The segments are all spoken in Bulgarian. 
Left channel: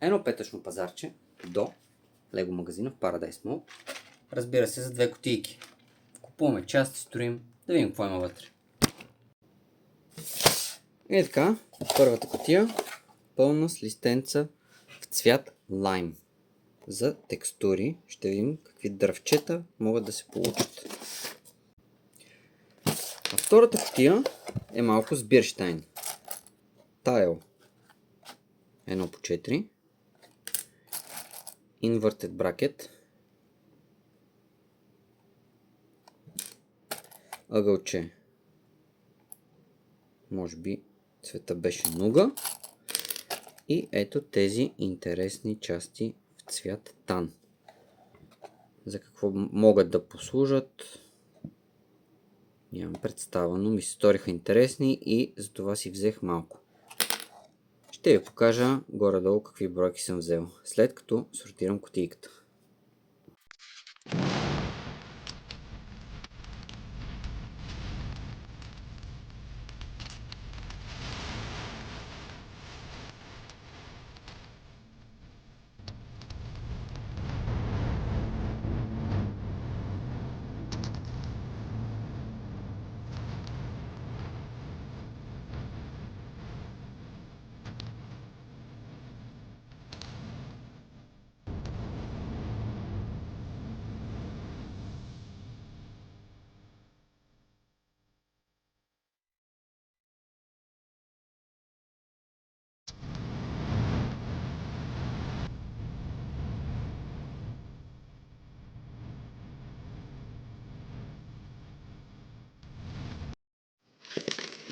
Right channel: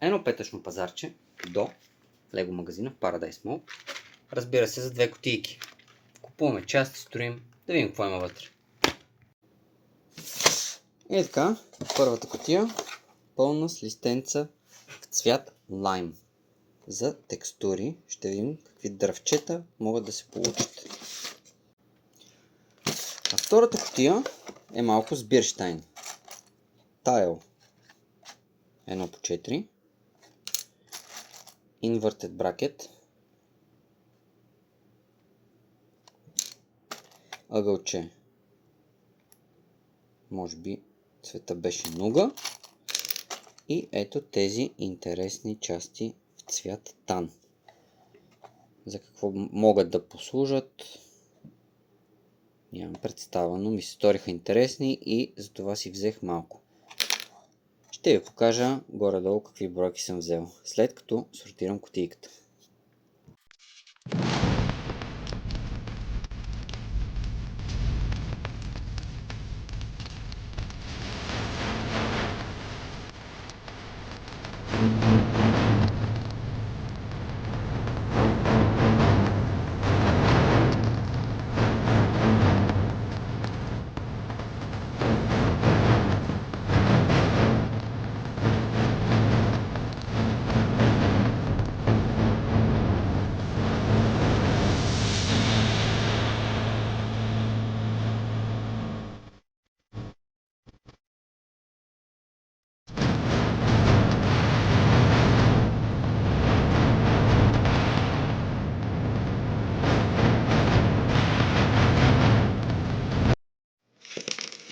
едно петъчно пазарче до Лего магазина в Paradise Mall. Разбира се, за 2 кутийки. Купуваме части, строим, да видим какво има вътре. И така, първата кутия пълна с листенца в цвят лайм. За текстури ще видим какви дръвчета могат да се получат. А втората кутия е малко с бирщайн. Тайл 1x4, инвъртед бракет, ъгълче, може би цвета беше нуга, и ето тези интересни части в цвят тан. За какво могат да послужат, нямам представа, но ми се сториха интересни и затова си взех малко. Ще ви покажа горе-долу какви бройки съм взел, след като сортирам кутийката.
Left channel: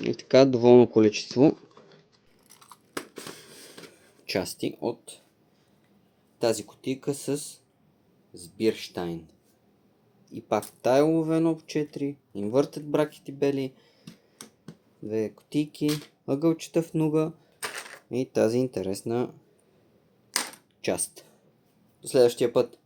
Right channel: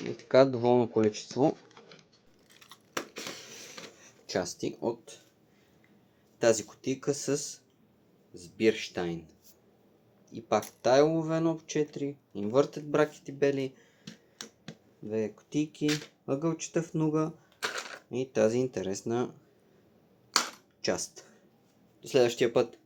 И така, доволно количество части от тази кутийка с бирщайн. И пак тайлове 1x4, инвъртед бракети бели, 2 кутийки, ъгълчета в нуга и тази интересна част. До следващия път!